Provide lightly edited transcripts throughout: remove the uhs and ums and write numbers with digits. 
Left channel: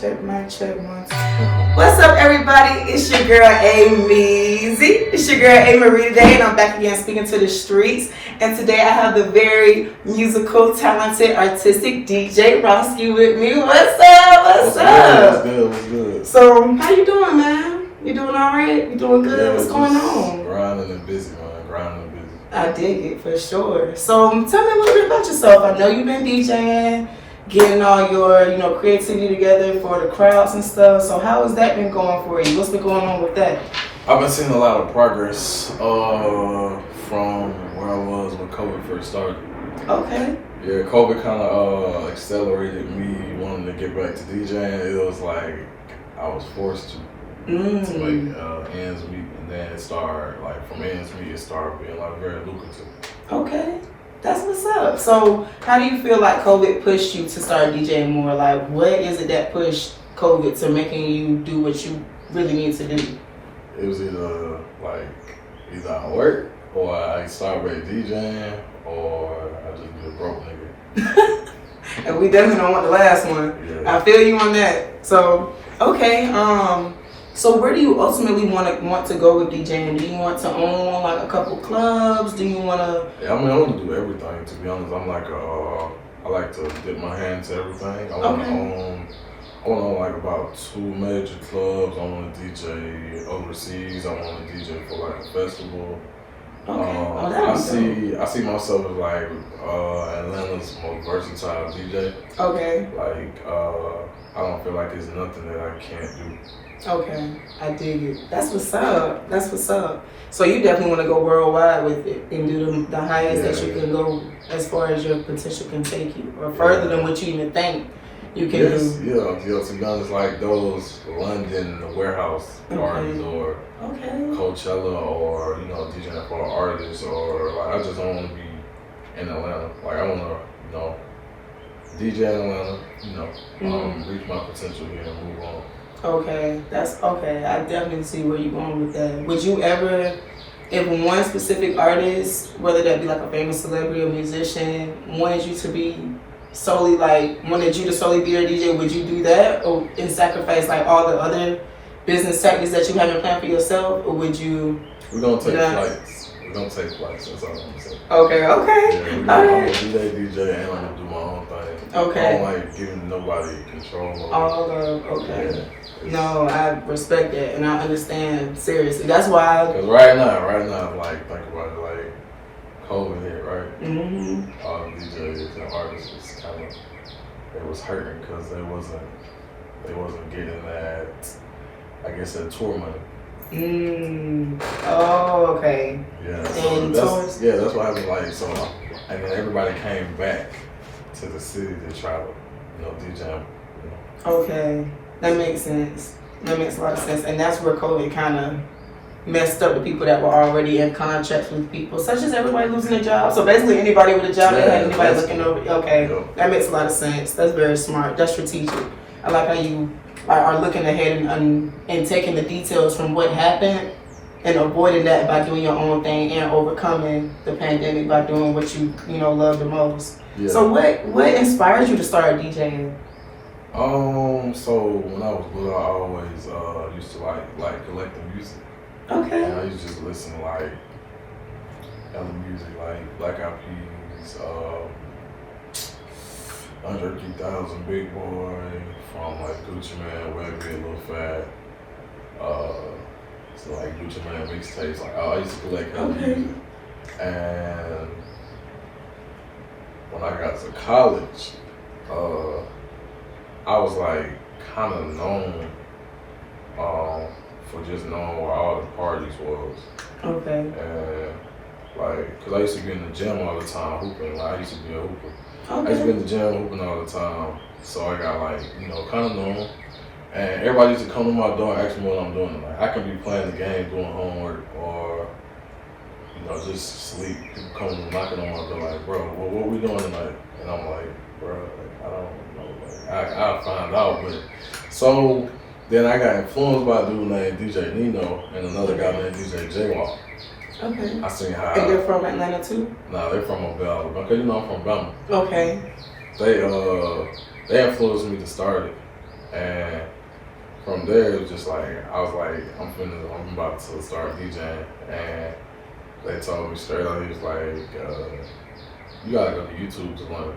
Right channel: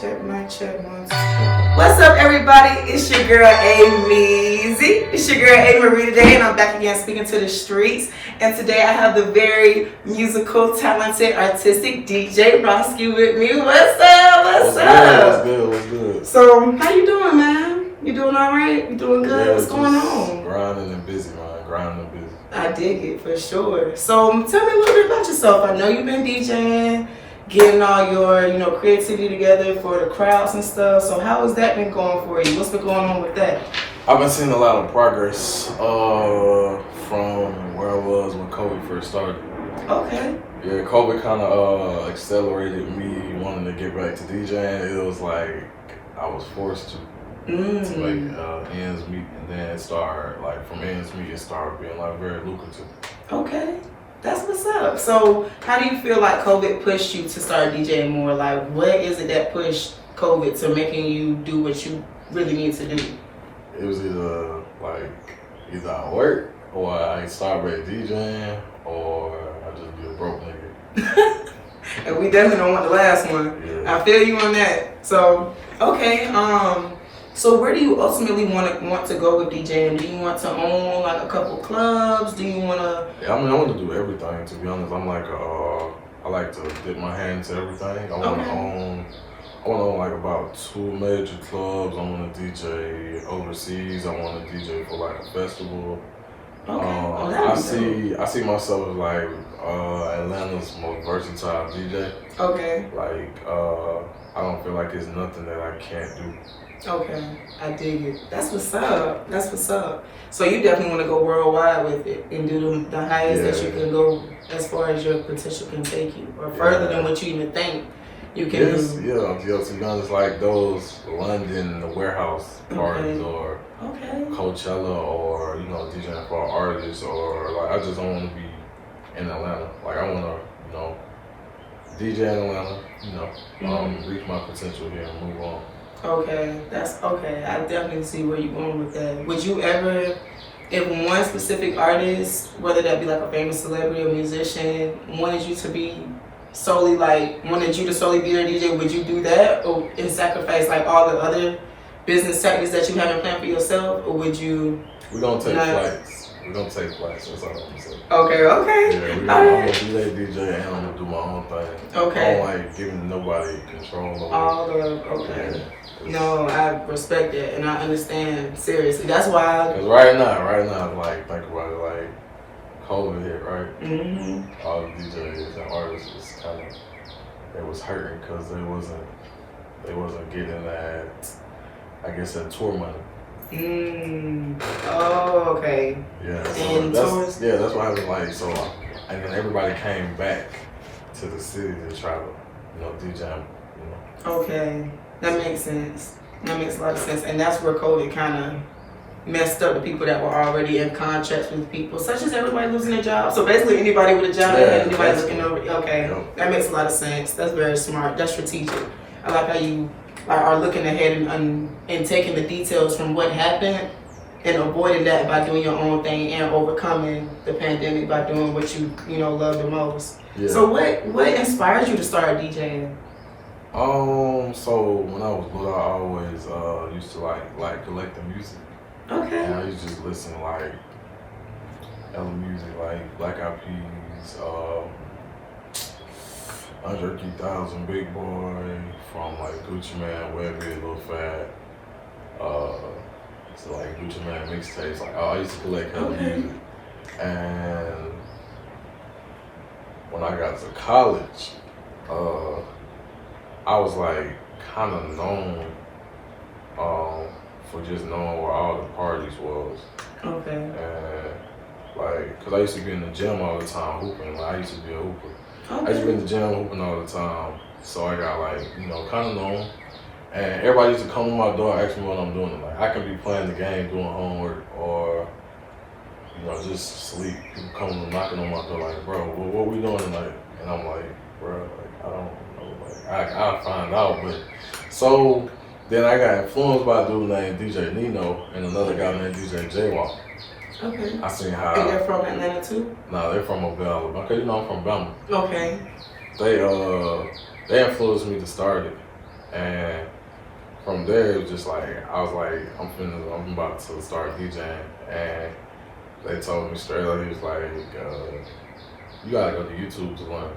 mic check, one. What's up, everybody? It's your girl, Amarie. It's your girl, Amarie today, and I'm back again speaking to the streets. And today I have the very musical, talented, artistic DJ Rosskie with me. What's up? What's up? What's good? So, how you doing, man? You doing all right? You doing good? Yeah, what's going on? Grinding and busy, man. Grinding and busy. I dig it, for sure. So, tell me a little bit about yourself. I know you've been DJing, getting all your, creativity together for the crowds and stuff. So how has that been going for you? What's been going on with that? I've been seeing a lot of progress from where I was when COVID first started. Okay. Yeah, COVID kind of accelerated me wanting to get back to DJing. It was like I was forced to make ends meet, and then it started, from ends meet, it started being very lucrative. Okay. That's what's up. So how do you feel like COVID pushed you to start DJing more? Like, what is it that pushed COVID to making you do what you really need to do? It was either I work, or I started back DJing, or I just be a broke nigga. And we definitely don't want the last one. Yeah. I feel you on that. So, okay. So where do you ultimately want to go with DJing? Do you want to own a couple clubs? Do you want to? Yeah, I want to do everything. To be honest, I'm I like to dip my hand into everything. I want to own about 2 major clubs. I want to DJ overseas. I want to DJ for a festival. Okay. I see myself as Atlanta's most versatile DJ. Okay. I don't feel like there's nothing that I can't do. Okay, I dig it. That's what's up. That's what's up. So you definitely want to go worldwide with it and do the highest that you can go as far as your potential can take you, or further than what you even think you can do. Yeah. To be honest, those London warehouse parties, or Coachella, or DJing for artists, or I just don't want to be in Atlanta. I want to DJ in Atlanta. Reach my potential here and move on. Okay, that's okay. I definitely see where you're going with that. Would you ever, if one specific artist, whether that be a famous celebrity or musician, wanted you to solely be their DJ, would you do that, or and sacrifice all the other business tactics that you haven't planned for yourself, or would you? We're gonna take flights. We're gonna take flights. That's all I'm gonna say. Okay. Yeah, I'm gonna do that DJ, and I'm gonna do my own thing. Okay. I don't giving nobody control over. Okay. Yeah. No, I respect that, and I understand, seriously. That's why. Because right now, think about it, COVID hit, right? Mm-hmm. All the DJs and artists was they was hurting because they wasn't getting that, that tour money. Oh, okay. Yeah. So that's what happened. And then everybody came back to the city to try to, DJ. Okay. That makes sense. That makes a lot of sense. And that's where COVID kind of messed up the people that were already in contracts with people, such as everybody losing their job. So basically anybody with a job that had anybody looking over. Okay, that makes a lot of sense. That's very smart. That's strategic. I like how you are looking ahead and taking the details from what happened and avoiding that by doing your own thing and overcoming the pandemic by doing what you love the most. Yeah. So what inspired you to start DJing? So when I was little, I always used to like collecting music. Okay. And I used to just listen to other music, Black Eyed Peas, Under 3000, Big Boy, from Gucci Mane, Webby, Lil Fat, Gucci Mane mixtapes. I used to collect other music. And when I got to college, I was kind of known for just knowing where all the parties was. Okay. And cause I used to be in the gym all the time hooping. I used to be a hooper. Okay. I used to be in the gym hooping all the time. So I got kind of known. And everybody used to come to my door and ask me what I'm doing tonight. I could be playing the game, doing homework, or just sleep. People coming knocking on my door bro, what we doing tonight? And I'm bro, I don't know. I'll find out. But so then I got influenced by a dude named DJ Nino and another guy named DJ J-Walk. Okay. I seen how. And they're from Atlanta too? No, they're from Mobile. Okay, I'm from Bama. Okay. They influenced me to start it. And from there, it was just like, I was like, I'm about to start DJing. And they told me straight up, he was like, you gotta go to YouTube to learn.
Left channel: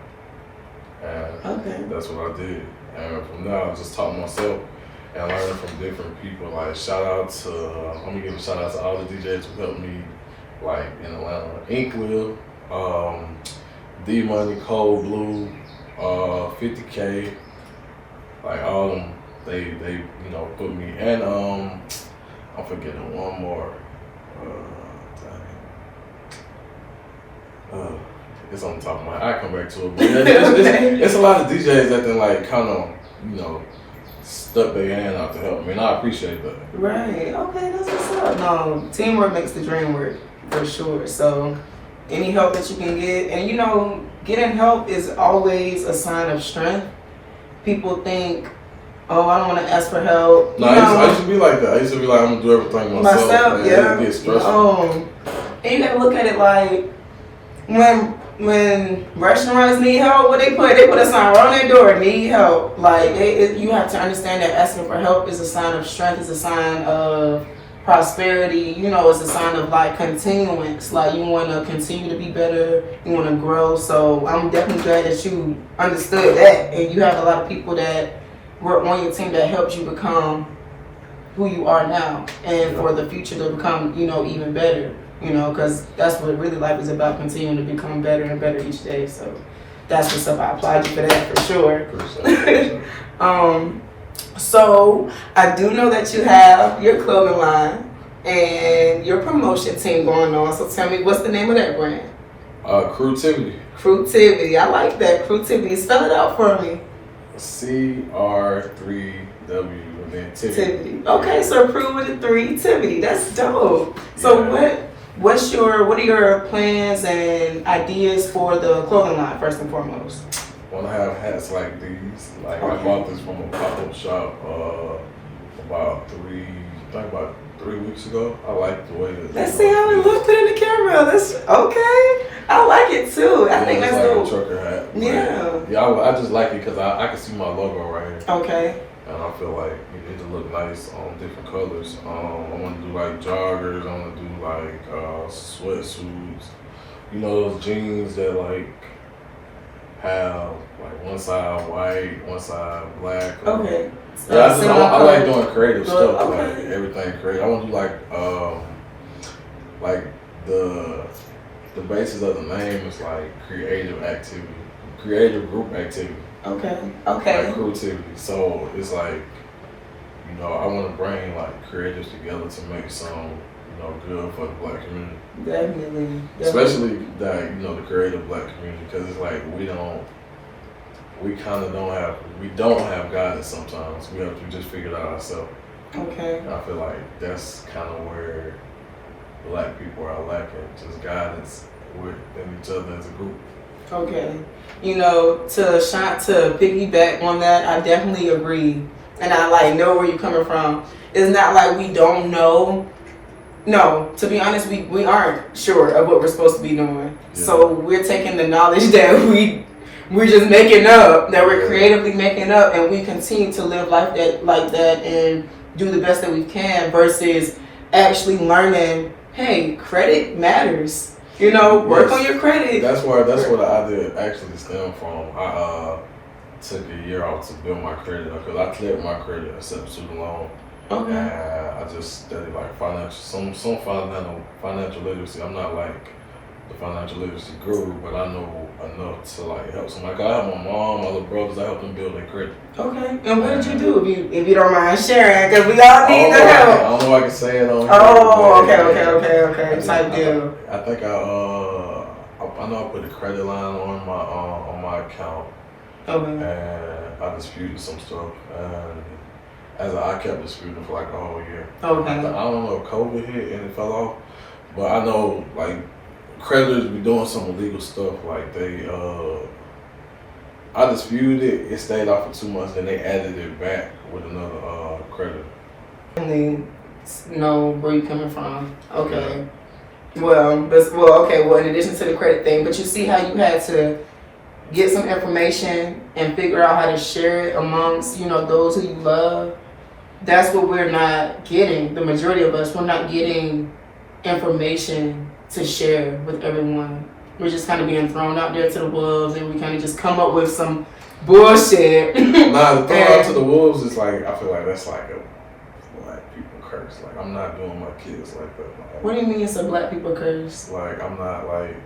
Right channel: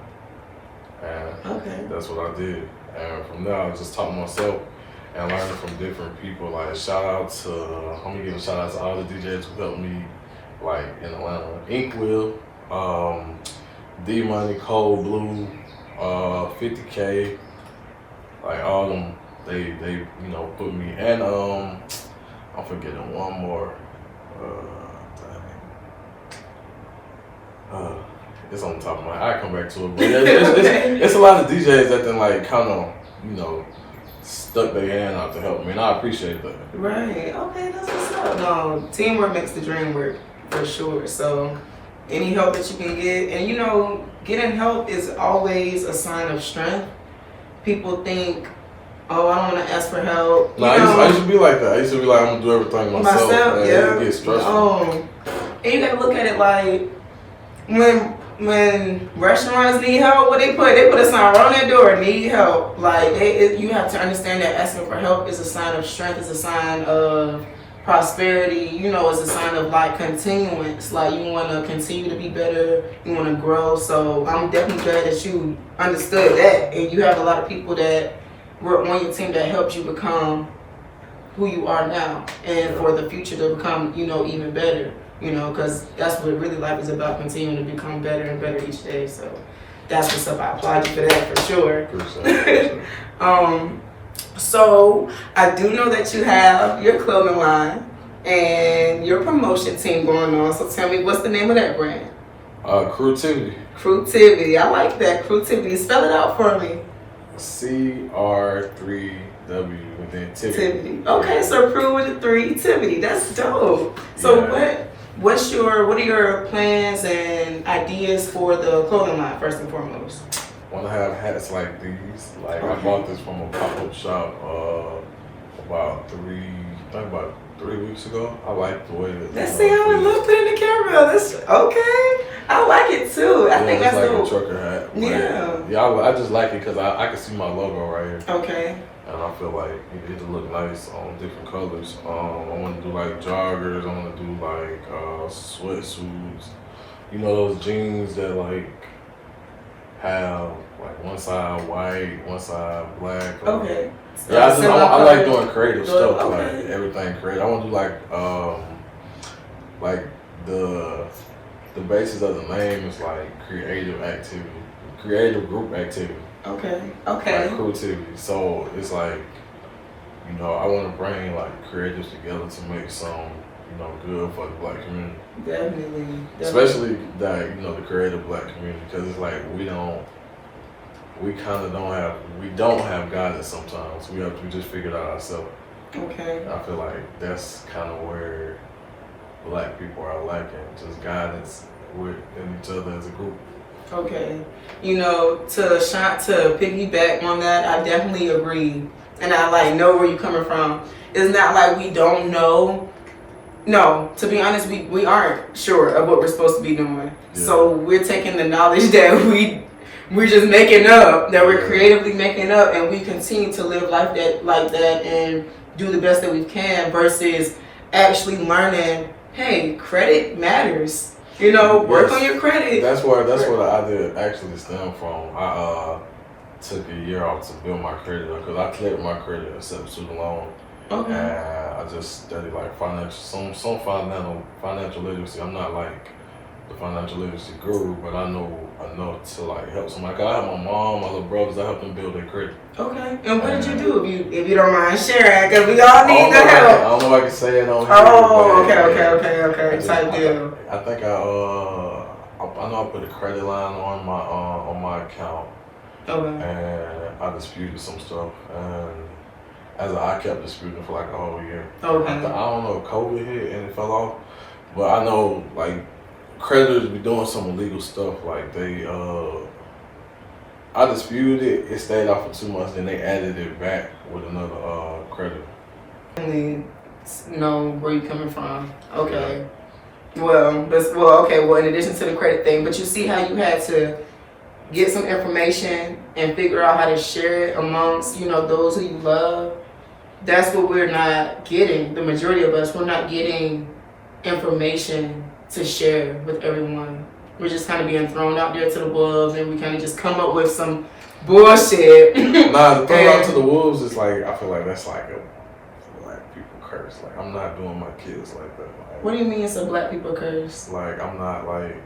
And that's what I did. And from there, I just taught myself and learning from different people. Like, I'm gonna give a shout out to all the DJs who helped me, like, in Atlanta. Inkwheel, D-Money, Cold Blue, 50K, like, all of them, they put me. And, I'm forgetting one more. It's on the top of my head. I come back to it, but it's a lot of DJs that then like kind of stuck their hand out to help me, and I appreciate that. Right. Okay, that's what's up. No, teamwork makes the dream work for sure. So any help that you can get, and getting help is always a sign of strength. People think, oh, I don't want to ask for help. No, I used to be like that. I used to be like, I'm gonna do everything myself. Yeah. It gets stressful. And you gotta look at it like when restaurants need help, what they put a sign on their door, need help. Like you have to understand that asking for help is a sign of strength, is a sign of prosperity. It's a sign of like continuance. Like you want to continue to be better, you want to grow. So I'm definitely glad that you understood that, and you have a lot of people that were on your team that helped you become who you are now, and for the future to become even better. Because that's what really life is about, continuing to become better and better each day. So that's what's up. I applaud you for that for sure. So I do know that you have your clothing line and your promotion team going on. So tell me, what's the name of that brand? Crewtivity. Crewtivity. I like that. Crewtivity. Spell it out for me. CR3W and then Tivity. Okay, so Crew with a 3, Tivity. That's dope. So what are your plans and ideas for the clothing line first and foremost? Want to have hats like these. Like I bought this from a pop-up shop about 3 weeks ago. I like the way that. Let's see how it looks in the camera. That's okay. I like it too. I think that's like dope. A trucker hat. Yeah, I just like it because I can see my logo right here. Okay. And I feel like it'll look nice on different colors. I want to do like joggers. I want to do like sweatsuits. Those jeans that like have like one side white, one side black. Okay. Yeah, I like doing creative stuff. Okay. Like everything creative. I want to do like the basis of the name is like creative activity, creative group activity. Okay. Like Crewtivity. So it's like, I want to bring like creatives together to make some, good for the Black community. Definitely. Especially that, the creative Black community, because it's like we don't have guidance sometimes. We just figure it out ourselves. Okay. And I feel like that's kind of where Black people are lacking, just guidance within each other as a group. Okay. To piggyback on that, I definitely agree. And I know where you're coming from. It's not like we don't know. No, to be honest, we aren't sure of what we're supposed to be doing. Yeah. So we're taking the knowledge that we're just making up, that we're creatively making up, and we continue to live life like that and do the best that we can versus actually learning, hey, credit matters. Work on your credit. That's where the idea actually stemmed from. I took a year off to build my credit up because I cleared my credit except for student loan. Okay. And I just studied like some financial literacy. I'm not like the financial literacy guru, but I know enough to like help somebody. I have my mom, my little brothers. I help them build their credit. Okay. And what did you do, if you don't mind sharing? Because we all need the help. I don't know if I can say it on here. Oh, okay. Type deal. I think I know I put a credit line on my account. Okay. And I disputed some stuff, and I kept disputing for like a whole year. Okay. I don't know if COVID hit and it fell off, but I know like creditors be doing some illegal stuff. Like I disputed it. It stayed off for 2 months, then they added it back with another creditor. And know where you're coming from. Okay. Yeah. Well, in addition to the credit thing, but you see how you had to get some information and figure out how to share it amongst, those who you love. That's what we're not getting. The majority of us, we're not getting information to share with everyone. We're just kind of being thrown out there to the wolves, and we kind of just come up with some bullshit. Nah, the throw out to the wolves is like, I feel like that's like a black people curse. Like, I'm not doing my kids like that. Like, what do you mean it's a black people curse? Like, I'm not like,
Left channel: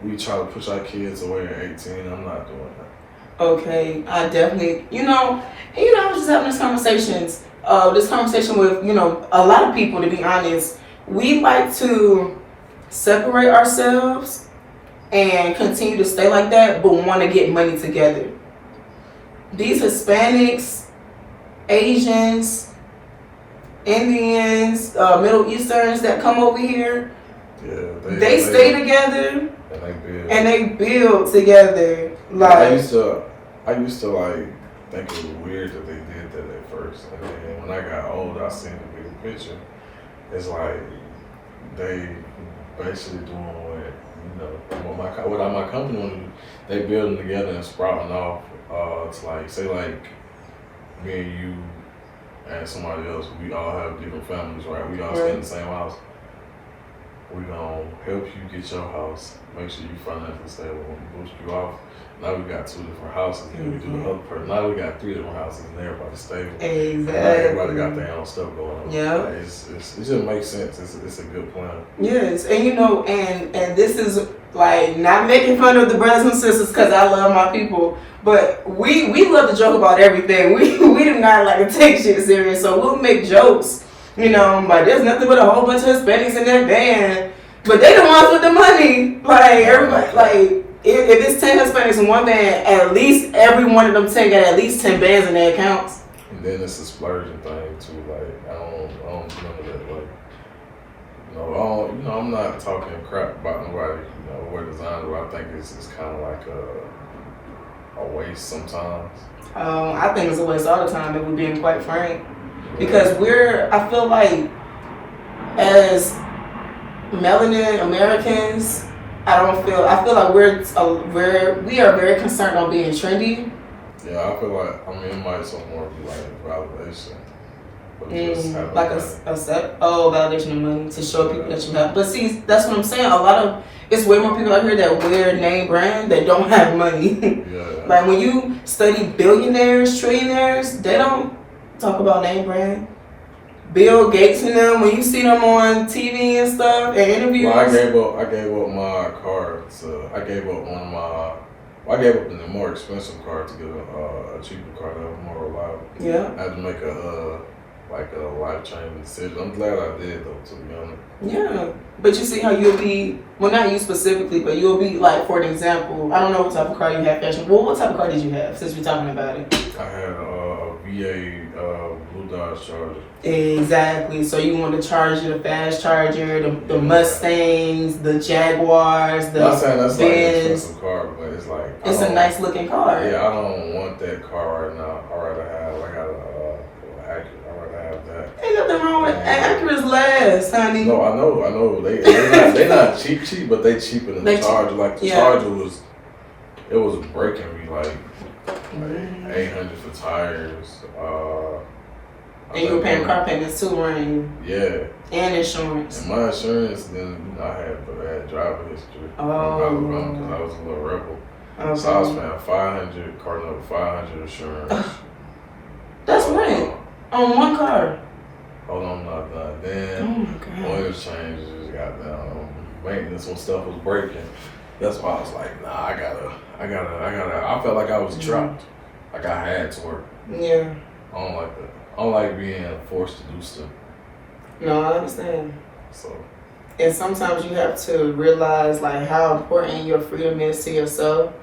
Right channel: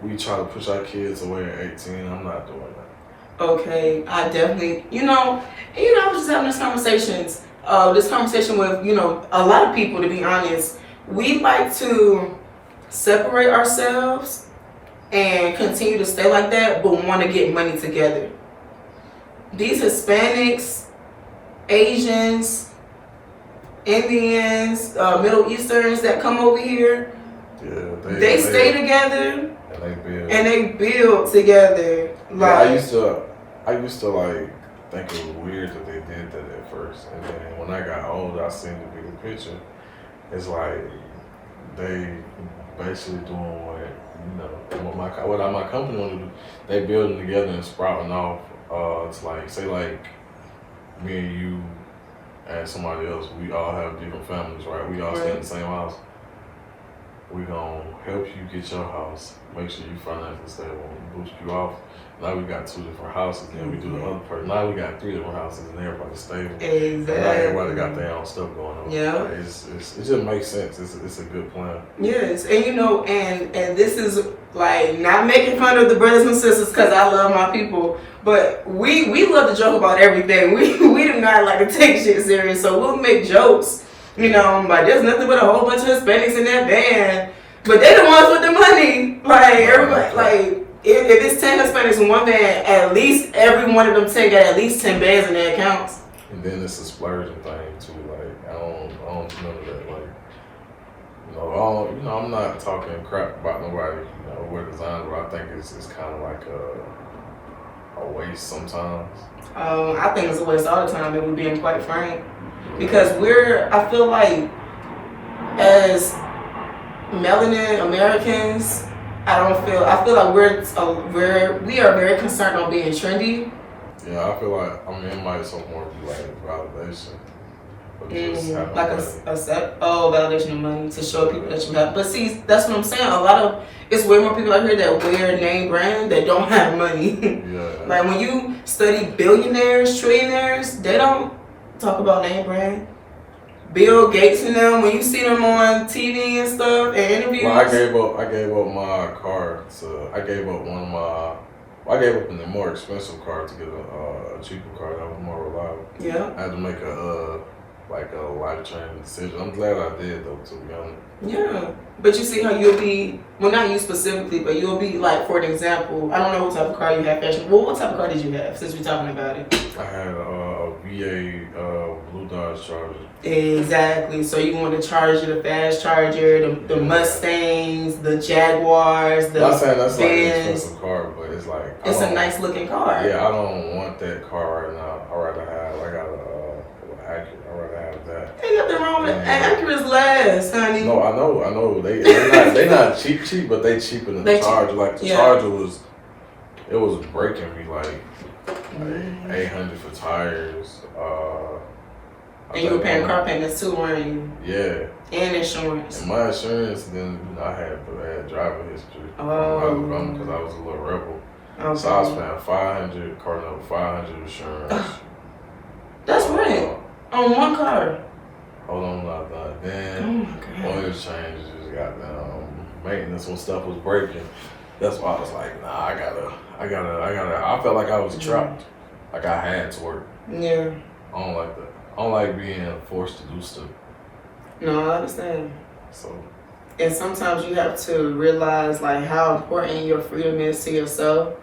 we try to push our kids away at 18. I'm not doing that. Okay, I definitely, I was just having this conversation with, a lot of people, to be honest. We like to separate ourselves and continue to stay like that, but want to get money together. These Hispanics, Asians, Indians, Middle Easterns that come over here, they stay together and they build together. Like, I used to like think it was weird that they did that at first, and then when I got older, I seen the bigger picture. It's like they basically doing what my company want to do. They building together and sprouting off. It's like, say like me and you and somebody else, we all have different families, right? We all stay in the same house. We gonna help you get your house, make sure you financially stable, and boost you off. Now we got 2 different houses, and we do the other part. Now we got 3 different houses, and everybody's stable. Exactly. And now everybody got their own stuff going on. Yeah. Like, it just makes sense. It's a good plan. Yes, and and this is like not making fun of the brothers and sisters, because I love my people, but we love to joke about everything. We do not like to take shit serious, so we'll make jokes. Like, there's nothing but a whole bunch of Hispanics in that band, but they the ones with the money. Like, everybody, like, if it's 10 Hispanics in one band, at least every one of them take at least 10 bands in their accounts. And then it's a splurging thing too. Like, I don't remember that. Like, I'm not talking crap about nobody. Wear design, but I think it's kind of like a waste sometimes. I think it's a waste all the time, if we're being quite frank. Because I feel like, as melanin Americans, I feel like we are very concerned on being trendy. Yeah, I feel like, it might somewhat be like validation. Like validation of money to show people that you have. But see, that's what I'm saying. It's way more people out here that wear name brand that don't have money. Yeah. Like, when you study billionaires, trillionaires, they don't talk about name brand. Bill Gates and them, when you see them on TV and stuff and interviews. Well, I gave up my car I gave up the more expensive car to get a cheaper car that was more reliable. Yeah. I had to make a life-changing decision. I'm glad I did, though, to be honest. Yeah, but you see how you'll be, well, not you specifically, but you'll be, like, for an example, I don't know what type of car you have, fashion. Well, what type of car did you have, since we're talking about it? I had a VA Blue Dodge Charger. Exactly. So you want the Charger, the fast Charger, the Mustangs, the Jaguars, the I'm saying that's Benz. like an expensive car, but it's like, it's a nice looking car. Yeah, I don't want that car right now. I got I'd rather have that. Ain't nothing wrong with Acura's last, honey. No, I know. They not cheap, but they cheaper than the Charger. Like, the Charger was breaking me like 800 for tires. And you were paying car payments too, weren't you? Yeah. And insurance. And my insurance, then I had driver history. Oh. Because I was a little rebel. Okay. So I was paying 500, car number 500 insurance. That's rent on one car. Hold on, not done. Then, oh my God. Oil changes, got down. Maintenance when stuff was breaking. That's why I was like, nah, I gotta. I felt like I was trapped. Like, I had to work. Yeah. I don't like that. I don't like being forced to do stuff. No, I understand. So. And sometimes you have to realize, like, how important your freedom is to yourself.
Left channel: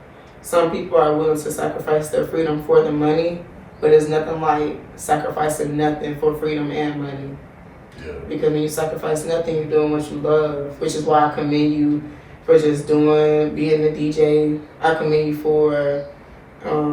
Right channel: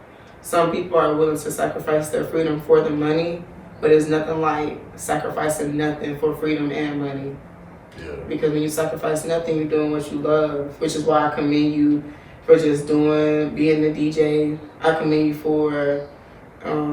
Some people are willing to sacrifice their freedom for the money, but it's nothing like sacrificing nothing for freedom and money. Yeah. Because when you sacrifice nothing, you're doing what you love, which is why I commend you for just being the DJ. I commend you for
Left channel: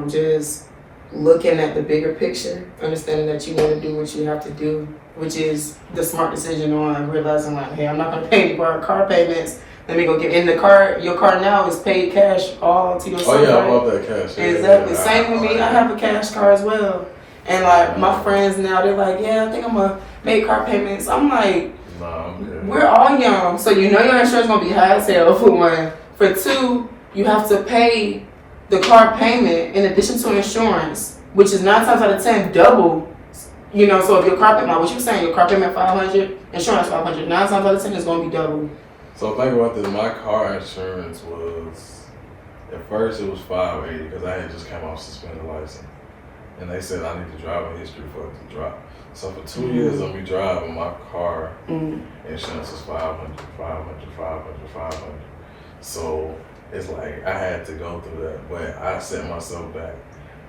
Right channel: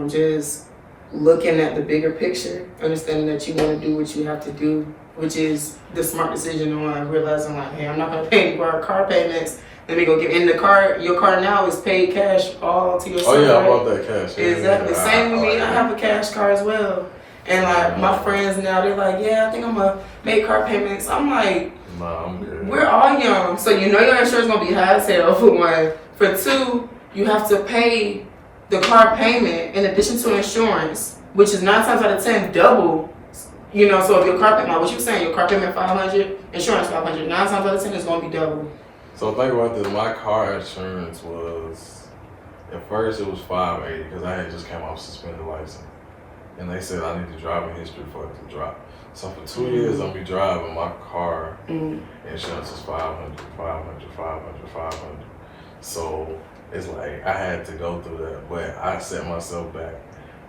just looking at the bigger picture, understanding that you want to do what you have to do, which is the smart decision on realizing, like, hey, I'm not going to pay any car payments Let me go get in the car. Your car now is paid cash all to yourself. Oh yeah, right? I bought that cash. Yeah, Exactly. yeah, Same with me. I have a cash car as well. And like my friends now, they're like, yeah, I think I'm gonna make car payments. I'm like, nah, I'm good. We're all young, so you know your insurance gonna be high as hell for one. For two, you have to pay the car payment in addition to insurance, which is 9 times out of 10 double. You know, so if your car payment, what you saying, your car payment $500, insurance $500, 9 times out of 10 is gonna be double. So think about this. My car insurance was, at first it was $580 because I had just came off suspended license, and they said I need the driving history for it to drop. So for 2 years I'll be driving my car. Insurance is $500. So it's like I had to go through that, but I set myself back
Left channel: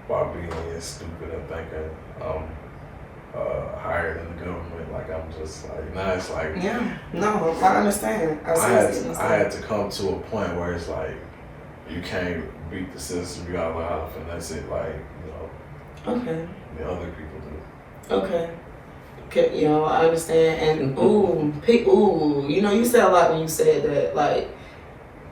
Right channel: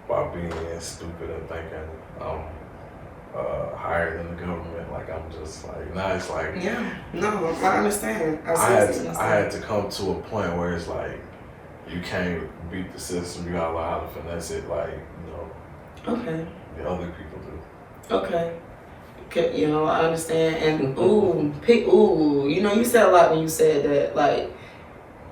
by being stupid and thinking I'm higher than the government. Like I'm just like, now it's like, yeah, no, I understand. I had to come to a point where it's like you can't beat the system. You gotta learn how to finesse it, like, you know. Okay. The other people do. Okay. You know, I understand. And you know, you said a lot when you said that, like,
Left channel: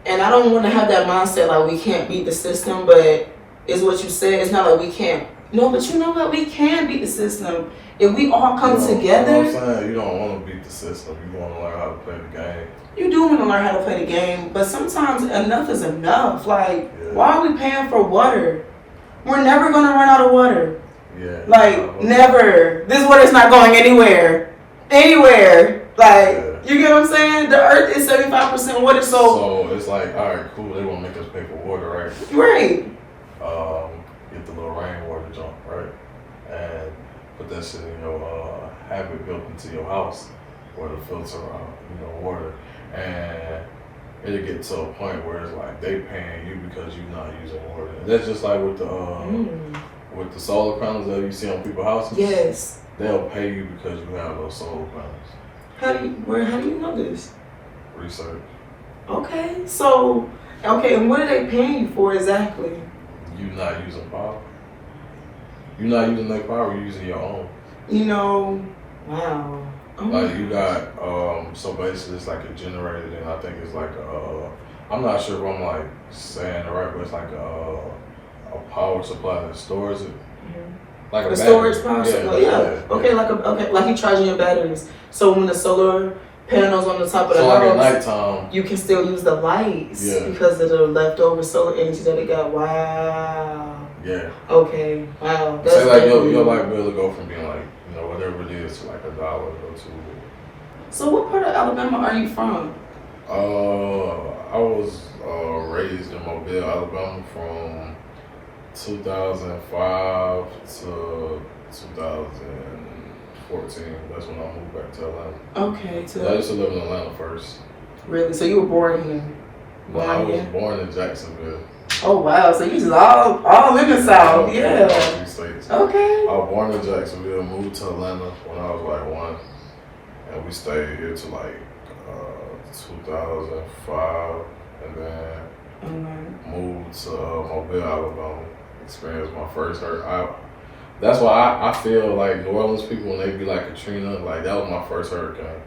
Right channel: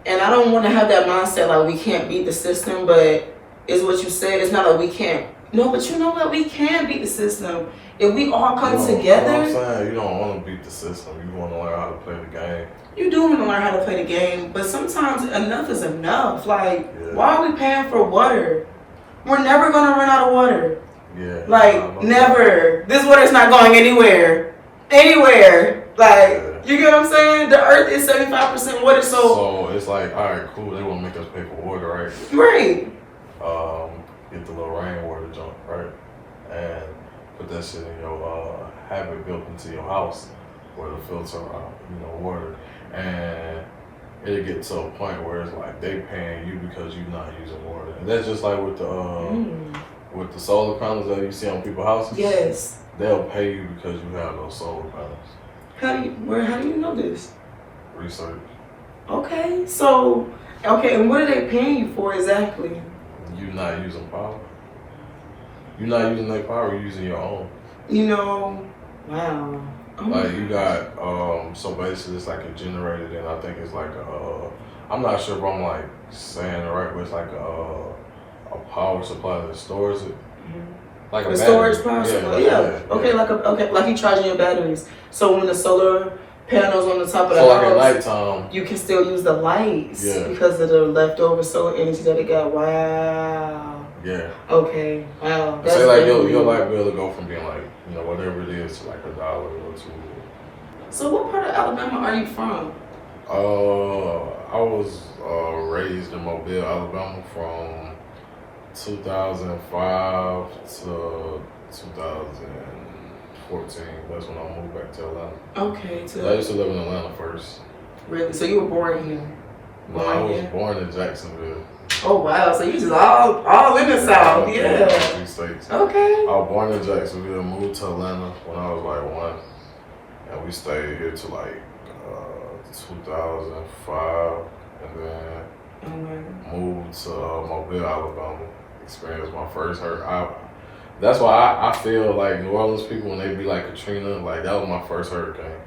and I don't want to have that mindset like we can't beat the system, but it's what you said. It's not like we can't. No, but you know what? We can beat the system if we all come together. You know what I'm saying? You don't want to beat the system. You want to learn how to play the game. You do want to learn how to play the game, but sometimes enough is enough. Like, why are we paying for water? We're never gonna run out of water. Yeah. Like, never. This water's not going anywhere. Anywhere. Like, you get what I'm saying? The earth is 75% water, so it's like, all right, cool. They won't make us pay for water, right? Right. Get the little rainwater jump, right? And put that shit in your, have it built into your house where the filter, you know, water. And it'll get to a point where it's like they paying you because you're not using water. And that's just like with the solar panels that you see on people's houses. Yes. They'll pay you because you have those solar panels. How do you know this? Research. Okay, so, and what are they paying you for exactly? You're not using power. You're not using their power, you're using your own. You know, wow. Oh, like you got, so basically it's like a generator, and I think it's like I'm not sure if I'm like saying it right, but it's like a power supply that stores it. Like a storage power supply, yeah. Okay, yeah. Like you charging your batteries. So when the solar panels on the top of the house, like at nighttime, you can still use the lights because of the leftover solar energy that they got. Wow. Yeah. Okay. Wow. That's say like your light bill will go from being like, you know, whatever it is to like $1 or $2. So what part of Alabama are you from? I was raised in Mobile, Alabama from 2005 to 2014. That's when I moved back to Atlanta. Okay. I used to live in Atlanta first. Really? So you were born here? I was born in Jacksonville. Oh wow! So you just all in the South, yeah. States. Okay. I was born in Jacksonville, moved to Atlanta when I was like 1, and we stayed here till like 2005, and then moved to Mobile, Alabama. Experienced my first hurricane. That's why I feel like New Orleans people, when they be like Katrina, like that was my first hurricane.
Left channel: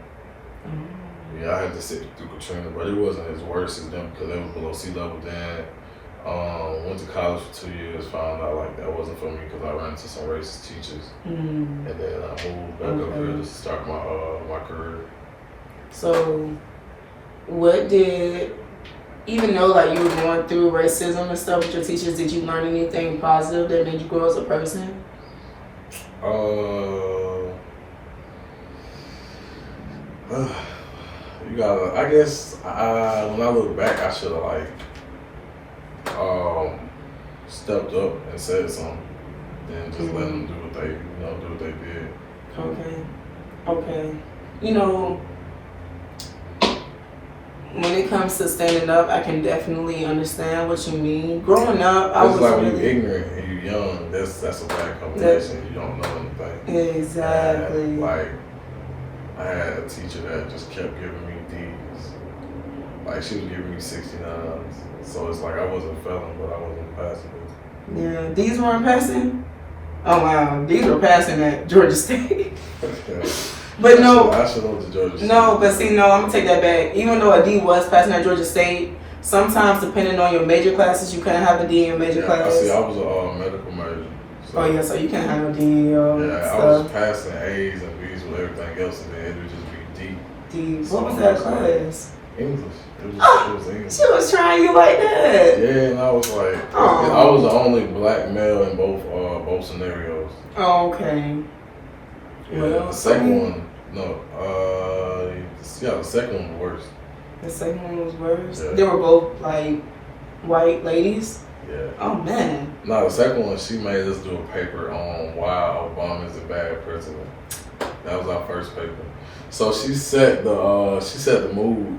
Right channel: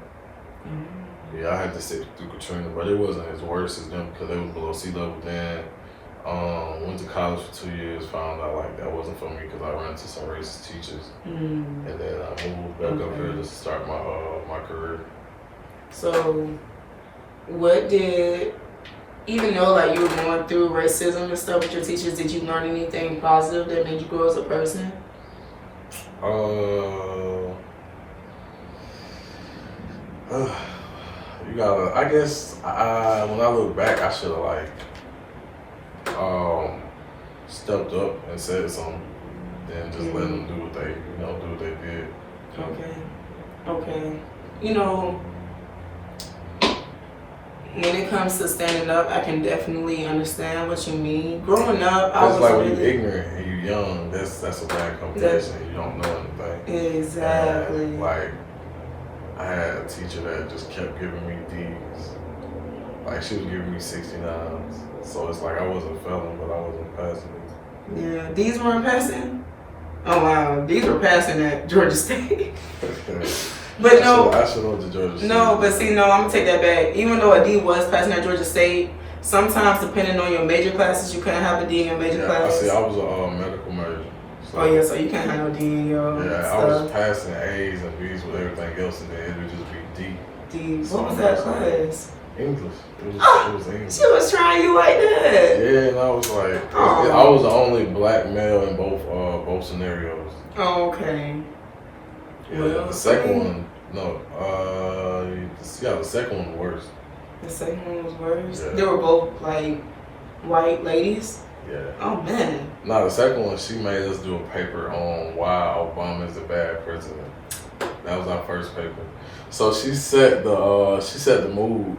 Yeah, I had to sit through Katrina, but it wasn't as worse as them because they was below sea level then. Went to college for 2 years, found out like that wasn't for me because I ran into some racist teachers. And then I moved back up here to start my career. So, what did, even though like you were going through racism and stuff with your teachers, did you learn anything positive that made you grow as a person? You gotta, I guess, when I look back, I should have like stepped up and said something, then just let them do what they did. Okay. You know, when it comes to standing up, I can definitely understand what you mean. Growing up, I was like really when you're ignorant and you're young. That's a bad combination. You don't know anything. Exactly. And, like, I had a teacher that just kept giving me D's. Like she was giving me 69s. So it's like I wasn't failing, but I wasn't passing it. Yeah, D's weren't passing? Oh wow, these were passing at Georgia State. But no, I should have went to Georgia State. No, but see, no, I'm gonna take that back. Even though a D was passing at Georgia State, sometimes depending on your major classes, you couldn't have a D in your major class. I see. I was a medical major. So, oh yeah, so you can't have no D in your I stuff. was passing A's and B's with everything else, and then it would just be D. D. What was that class? English. It was English. She was trying you like that. Yeah, and I was like, I was the only black male in both scenarios. Oh, okay. Yeah, the second one, the second one was worse. The second one was worse? Yeah. They were both like white ladies? Yeah. Oh man. No, the second one, she made us do a paper on why Obama is a bad president. That was our first paper. So she set the mood.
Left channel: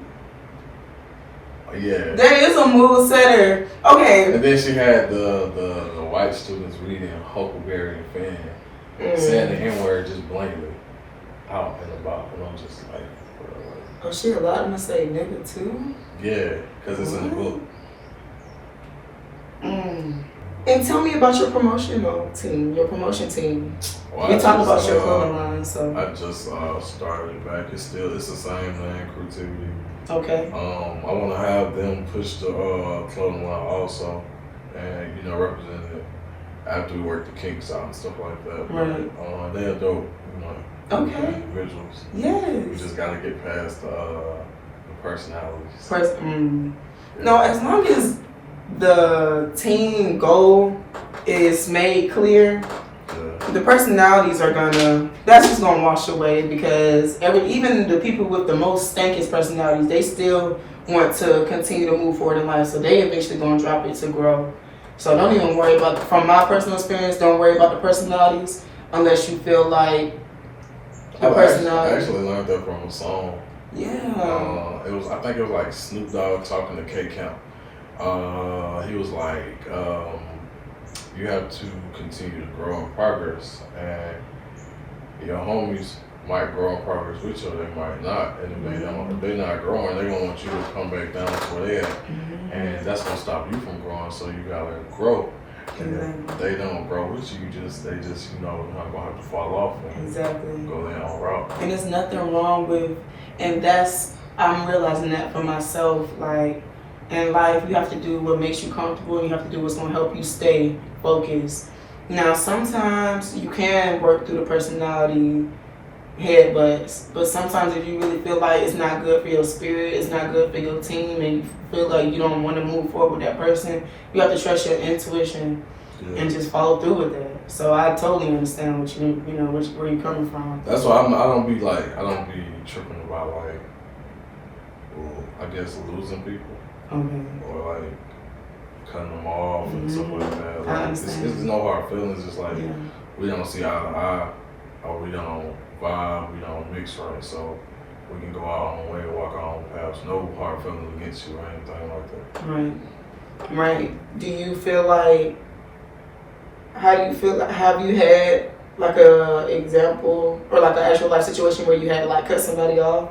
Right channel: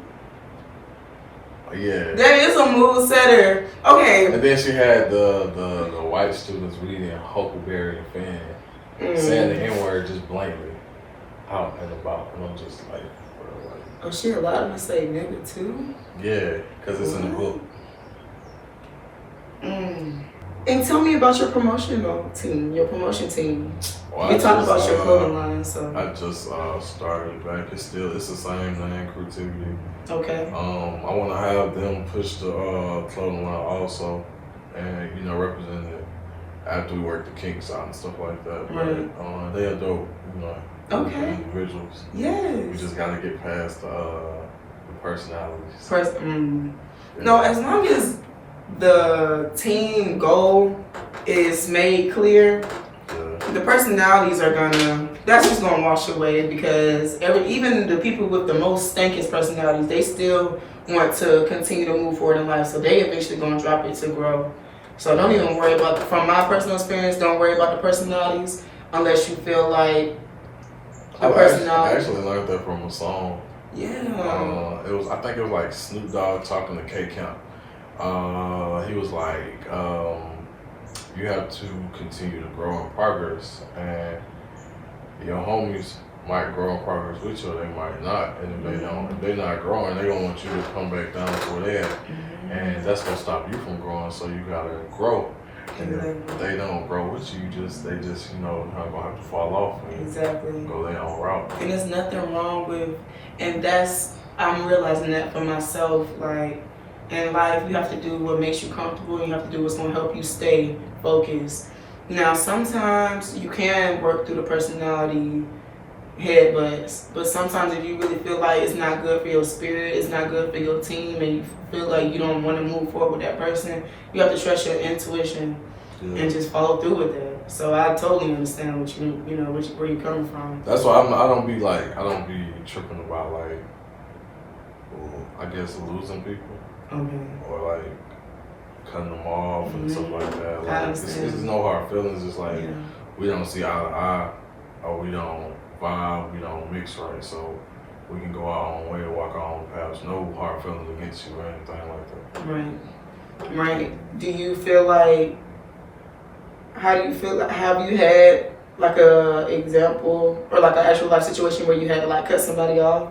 Yeah. That is a mood setter. Okay. And then she had the white students reading Huckleberry and Finn, saying the N-word just blankly out and about, and I'm just like, bro, like. Oh, she allowed them to say nigga too? Yeah, because it's in the book. And tell me about your promotion team. Well, we talked about your clothing line, so. I just started back. It's the same thing, creativity. Okay. I want to have them push the clothing line also, and represent it after we work the kinks out and stuff like that. Right. But they are dope, Okay. individuals. Yes. We just gotta get past the personalities. No, as long as the team goal is made clear, the personalities that's just gonna wash away, because even the people with the most stankiest personalities, they still want to continue to move forward in life, so they eventually gonna drop it to grow. So don't even worry about, from my personal experience, don't worry about the personalities unless you feel like the personality. I actually learned that from a song. Yeah. I think it was like Snoop Dogg talking to K Count. He was like, you have to continue to grow in progress, and your homies might grow in progress with you, or they might not. And if they don't, if they're not growing, they're gonna want you to come back down to where they're at, and that's gonna stop you from growing. So you gotta grow. And if they don't grow with you, they just not gonna have to fall off and go their own route. And there's nothing wrong with, and I'm realizing that for myself, like. In life, you have to do what makes you comfortable, and you have to do what's going to help you stay focused. Now, sometimes you can work through the personality headbutts, but sometimes if you really feel like it's not good for your spirit, it's not good for your team, and you feel like you don't want to move forward with that person, you have to trust your intuition and just follow through with that. So I totally understand what where you're coming from. That's why I don't be tripping about like, I guess losing people. Okay. Or like cutting them off and stuff like that. Like, I understand. It's no hard feelings. It's like we don't see eye to eye, or we don't vibe, we don't mix right. So we can go our own way, walk our own paths. No hard feelings against you or anything like that. Right. Do you feel like? How do you feel? Have you had like a example or like an actual life situation where you had to like cut somebody off?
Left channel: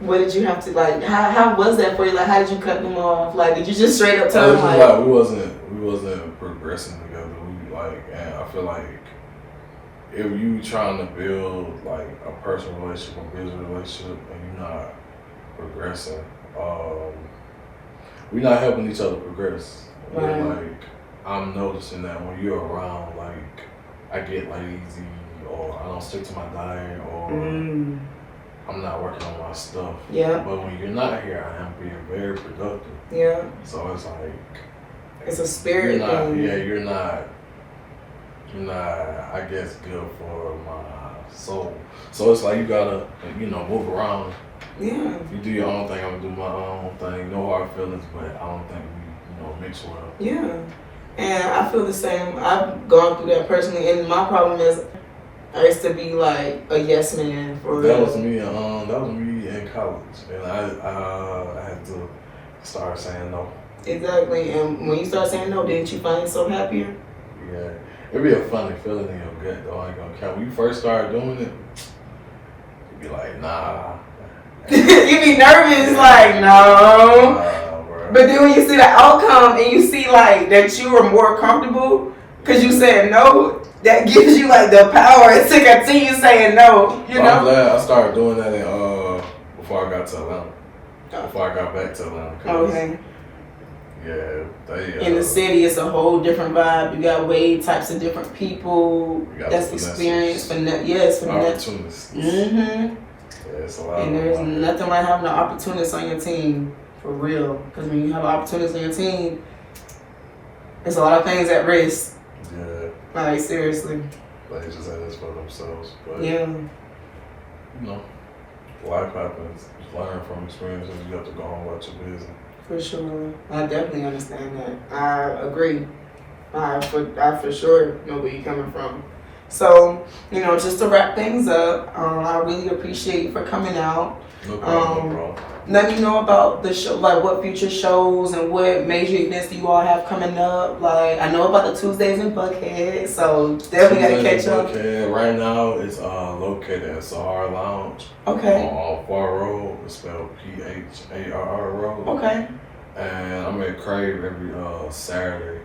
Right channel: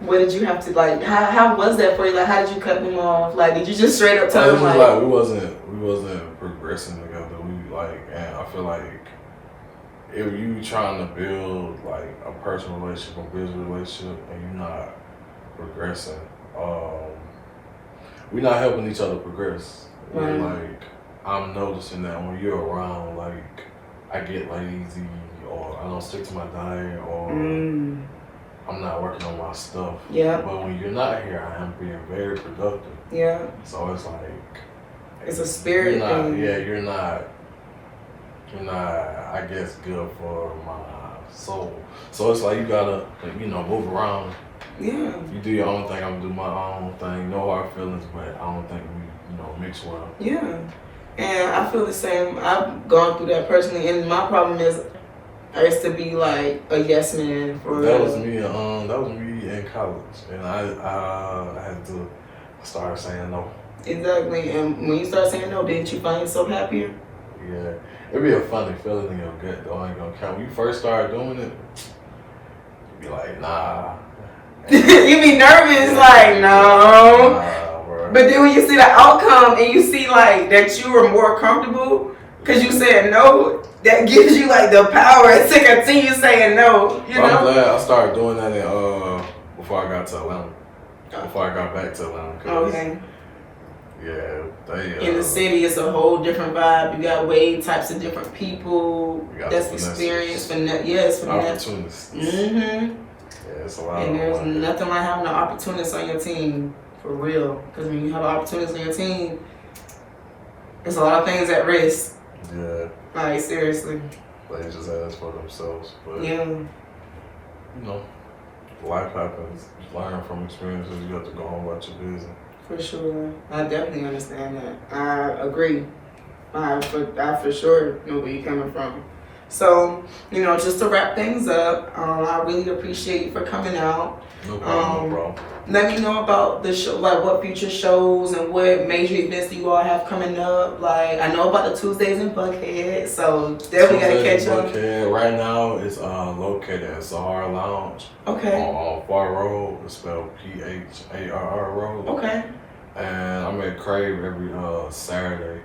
What did you have to like? How was that for you? Like, how did you cut them off? Like, did you just straight up tell them like we wasn't progressing together? And I feel like if you trying to build like a personal relationship, a business relationship, and you're not progressing, we're not helping each other progress. Right. Like, I'm noticing that when you're around, like, I get lazy, or I don't stick to my diet, or I'm not working on my stuff. Yeah. But when you're not here, I am being very productive. Yeah. So it's like, it's a spirit thing. Yeah, you're not, I guess, good for my soul. So it's like you gotta, move around. Yeah. You do your own thing, I'm gonna do my own thing. No hard feelings, but I don't think we, mix well. Yeah. And I feel the same. I've gone through that personally, and my problem is I used to be like a yes man for that real. Was me. That was me in college, and I had to start saying no. Exactly. And when you start saying no, didn't you find yourself happier? Yeah, it'd be a funny feeling in your gut, though. I ain't gonna count. When you first started doing it, you'd be like, nah. You be nervous, like no. Nah, bro. But then when you see the outcome and you see like that you were more comfortable because you said no, that gives you like the power to continue saying no. You But know. I'm glad I started doing that before I got to Atlanta. Before I got back to Atlanta. Okay. Yeah, In the city, it's a whole different vibe. You got way types of different people that's experienced for opportunities. Mm-hmm. Yeah, it's a lot. And there's nothing like having an opportunist on your team, for real. Because when you have an opportunist on your team, there's a lot of things at risk. Yeah. Like, seriously. They just ask for themselves. But, yeah. You know, life happens. Learn from experiences. You have to go home about your business. For sure. I definitely understand that. I agree. I for sure know where you're coming from. So, you know, just to wrap things up, I really appreciate you for coming out. No problem, no problem. Let me know about the show, like what future shows and what major events do you all have coming up. Like, I know about the Tuesdays in Buckhead, so definitely gotta catch up. Right now, it's located at Sahara Lounge. Okay. On Bar Road. It's spelled Pharr Road. Okay. And I'm at Crave every Saturday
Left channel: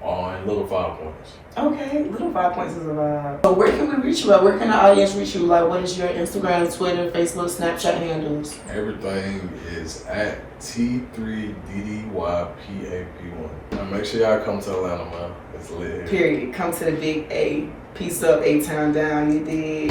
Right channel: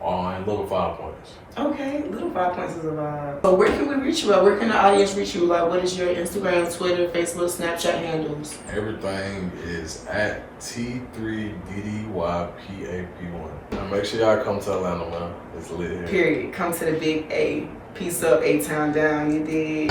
on Little 5 Points. Okay, Little 5 Points is a vibe. So where can we reach you at? Where can the audience reach you? Like, what is your Instagram, Twitter, Facebook, Snapchat handles? Everything is at T3DDYPAP1. Now make sure y'all come to Atlanta, man. It's lit here. Period. Come to the big A. Peace up, A-Town down. You dig?